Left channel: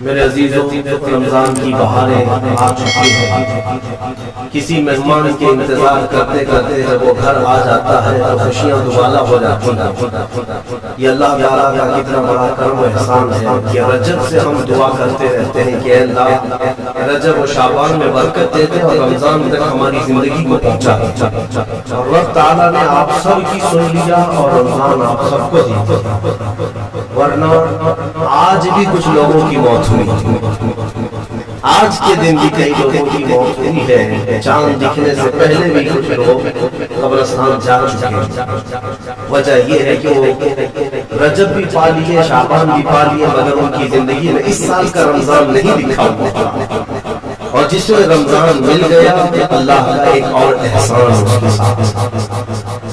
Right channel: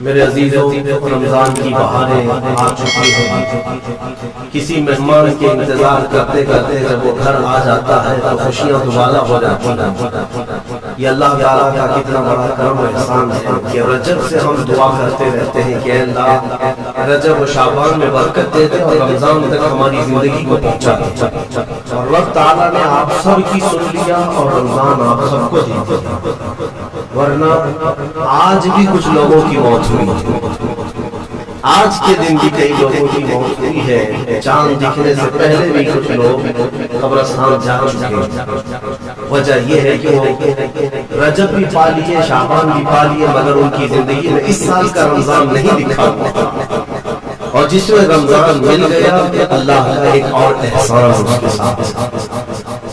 میرے عزیزوں، رمضان کی بہاریں آ چکی ہیں۔ کسی مہمان کے انتظار کرتے کرتے جب وہ گھر آ جاتا ہے تو خوشیاں دوبالا ہو جاتی ہیں۔ یہ اللہ تعالیٰ کا کتنا بڑا کرم و احسان ہے کہ رجب سے ہم دعا کرتے رہتے ہیں کہ اے اللہ رجب و شعبان میں برکت دے دے اور رمضان تک ہماری زندگی کو پہنچا دے، اور رب تعالیٰ نے آپ سب کی سن لیا اور رمضان آپ سب کو دے دیا۔ ورنہ آج بھی کچھ لوگوں کی موت ہوئی، آج کے دن بھی کئی لوگوں کی موت ہوئی ہے، چاند دکھنے سے پہلے بھی کچھ لوگ قبرستان جا چکے ہیں۔ وجہ یہ ہے کہ وہ رجب بھی پا لیے، شعبان بھی پا لیے، مگر ان کی زندگی میں اس سال کا رمضان نہیں لکھا ہوا، اور جس میں رمضان مل گیا اللہ کا ایک اور احسان اس کے ساتھ۔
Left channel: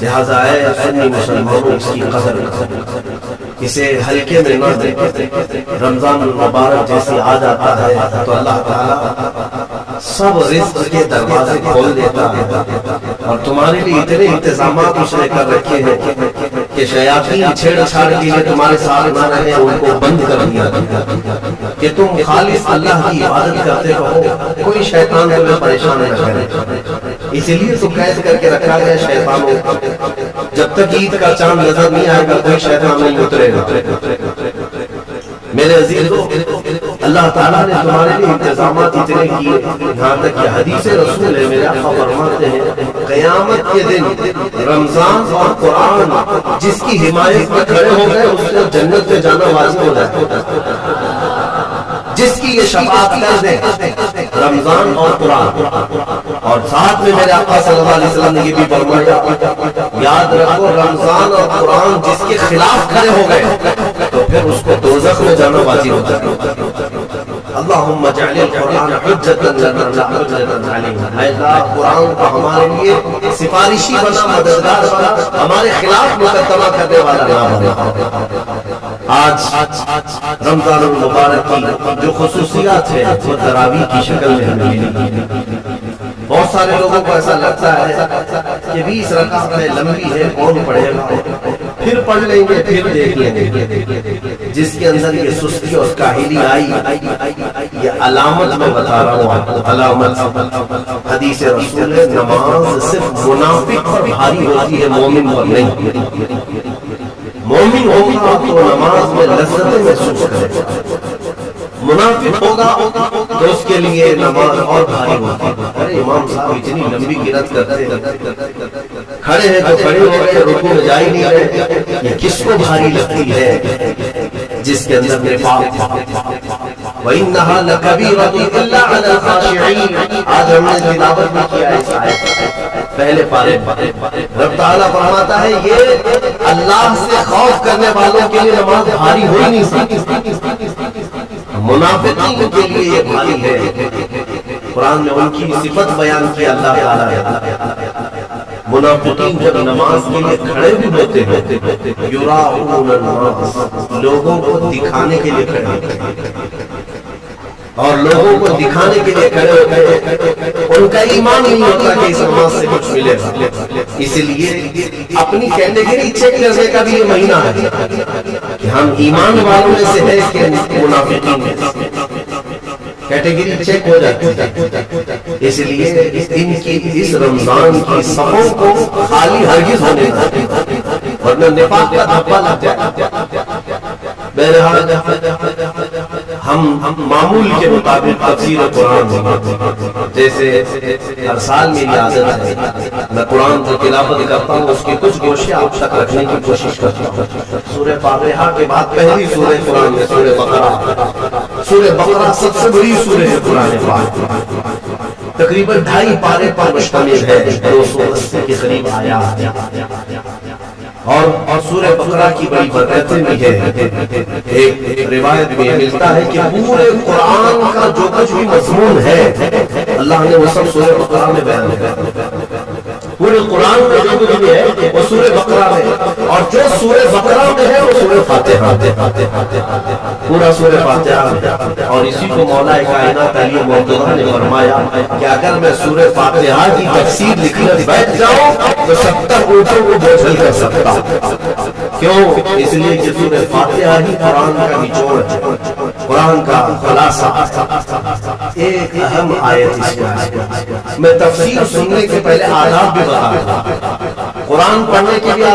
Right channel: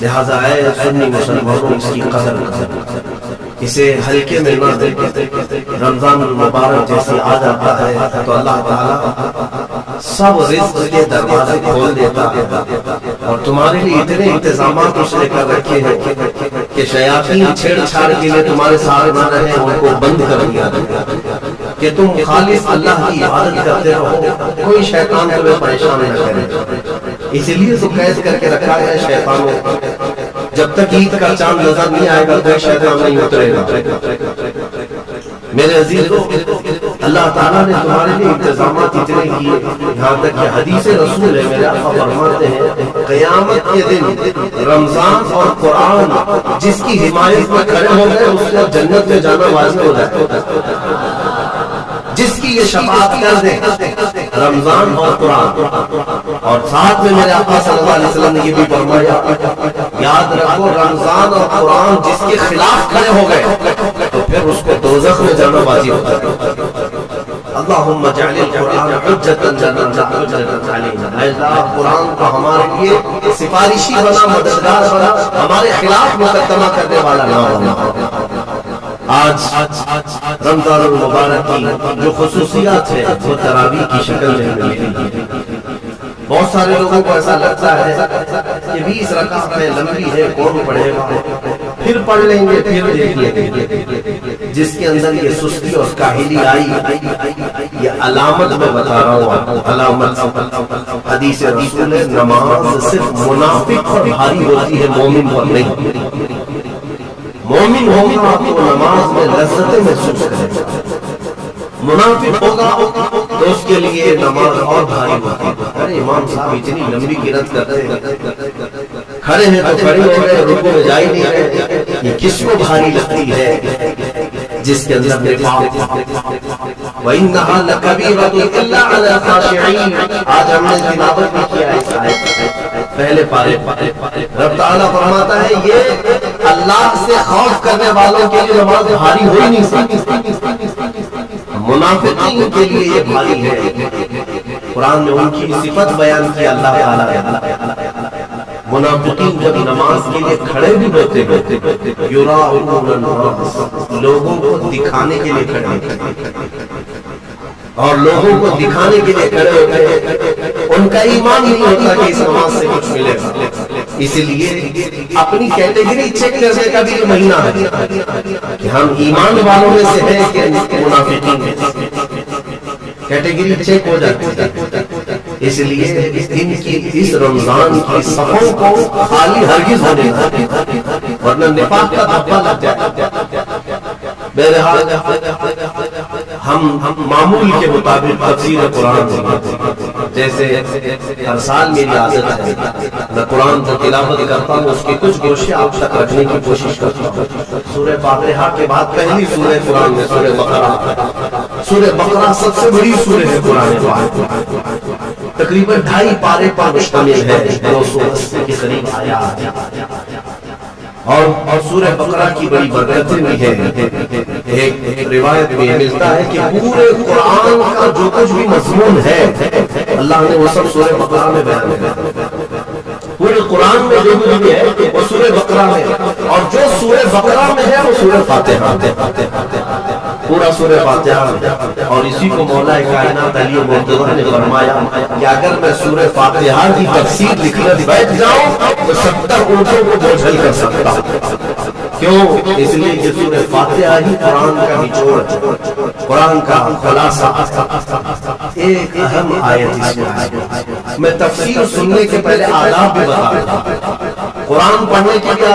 لہذا اے سنی مسلمانوں اس کی قدر کریں، اسے ہلکے میں نہ دیں۔ رمضان المبارک جیسے آ جاتا ہے تو اللہ تعالیٰ سب رزق کے دروازے کھول دیتا ہے، اور تمہارے لیے اتنے انتظامات اس نے کر رکھے ہیں کہ شیاطین چھیڑ چھاڑ کے لیے تمہارے ساتھ نہ رہے، ان کو بند کر دیا کہ تم خالص اللہ کی عبادت کرتے رہو، کوئی شیطان تمہیں پریشان نہ کرے۔ اسی لیے تو قید کر کے رکھا گیا شیطانوں، جب تک عید کا چاند نظر نہیں آئے گا کوئی شیطان نہیں اترے گا۔ میرے عزیزو، اللہ تعالیٰ نے تمہارے لیے انتظامات اتنے کیے، یہاں تک کہ حدیث رسول ہے، میرے آقا فرماتے ہیں قیامت کے دن رمضان اور قرآن جس کی حمایت میں کھڑے ہو گئے اس سے جنت میں جانا واجب ہو جائے۔ جس کی یہ شفاعت کر دے رمضان اور قرآن، اور ساتھ میں میرے آقا صلی اللہ علیہ وسلم نے یہ بھی فرمایا یاد رکھو رمضان اور قرآن جس کے خلاف کھڑے ہو گئے تو پھر اس کو دوزخ میں جانا واجب ہو جائے۔ اللہم اجعل القرآن حجتا لنا لا حجتا علینا، اے اللہ قرآن کو ہمارے لیے سفارشی بنا، مددگار بنا، ہمارے خلاف مقدمہ کرنے والا نہ بنا۔ آج رمضان المبارک کی جو خصوصیات ہے وہ تراویح کی شکل میں ہمیں ملی۔ بہت سارے لوگوں کو ایسا لگتا ہے کہ 20 رکعت ہے، لمبی ہے، کون پڑھے گا، پھر پڑھ لیں گے، پھر دیکھ لیں گے۔ جس کے اندر یہ سستی اور کاہلی آئی، یہ علامت میں بتا رہا ہوں آپ کو، علامت حدیث رسول ہے نماز صرف منافق پر بھاری ہوتی ہے، مومن پر نہیں۔ مومن ہوگا تو نماز میں لذتیں محسوس کرے، منافق ہوگا تو اس کے لیے نماز اور بھاری ہوتی ہے۔ ارے امام صاحب اتنی لمبی قرات کرتے ہیں، کھڑے ہیں تو کھڑے ہو گئے، رکوع میں جا ہی نہیں رہے، یہ کس کو بھاری لگتی ہے؟ جس کے اندر نفاق۔ وَإِنَّهَا لَكَبِيرَةٌ إِلَّا عَلَى الْخَاشِعِينَ، آج ہم نے تلاوت بھی کیا ہے اس آیت پہلے پارے۔ رب تعالیٰ فرماتا ہے یہ اللہ سے خوف کرنے والوں کے لیے نماز بھاری ہو ہی نہیں سکتی، منافقین کے لیے یہ بھاری ہے۔ قرآن میں ان کی صفت بیان کی اللہ تعالیٰ نے، منافقین جب نماز کے لیے کھڑے بھی ہوتے ہیں یراؤون الناس، لوگوں کو دکھانے کے لیے کھڑے ہوتے ہیں، اور لوگوں کو دکھانے کے لیے کھڑے ہوتے ہیں، ان کا ایمان ہی نہیں ہوتا کہ اس نماز سے کچھ ملے گا۔ اسی لیے اپنی کیٹیگری چیک کرنے کا بھی یہ مہینہ ہے کہ ہم ایمان والوں میں سے ہیں کہ منافقین میں، کیٹیگری چیک ہو جاتی ہے۔ اس لیے اس دن کی، اس رمضان کی صفوں کو خالی ہرگز ہونے نہ دیں، ورنہ نفاق کا دھبا لگ جائے۔ بہرحال ہم معمول کے مطابق تفسیر قرآن، جیسے ہر سال میری عادت ہے میں قرآن کی تلاوت کرتا ہوں، اس کے کچھ گوشے آپ تک رکھنے کی کوشش کرتا ہوں۔ سورہ فاتحہ کے بعد پہلی سورہ قرآن میں سورہ بقرہ، سورہ بقرہ سب سے بڑی سورہ ہے قرآن پاک، تقریباً 2.5 پارے پر مشتمل ہے، 280 کے قریب آیات، اور سورہ بقرہ کی بڑی برکتیں بھی ہیں۔ ایک روایت میں ملتا ہے کہ پورے قرآن کا جو کچھ بھی مضمون ہے اللہ نے وہ سب سورہ بقرہ میں بیان کیا۔ پورے قرآن میں جو کچھ بھی ہے وہ سورہ بقرہ میں، اور جو سورہ بقرہ میں ہے وہ سورہ فاتحہ، پورا سورہ فاتحہ۔ اور اسی کو مولا کائنات علی مرتضیٰ نے فرمایا کہ اگر میں سورہ فاتحہ کی تفسیر لکھنے بیٹھ جاؤں تو 70 اونٹوں کو بوجھل کر سکتا ہوں۔ کیوں؟ اس لیے کہ سورہ فاتحہ ہی قرآن کا نچوڑ ہے، قرآن کا خلاصہ۔ ایک اہم آیت اس میں تفسیر سننے کے پہلے آداب بھی بتا دوں، قرآن پڑھنے کے لیے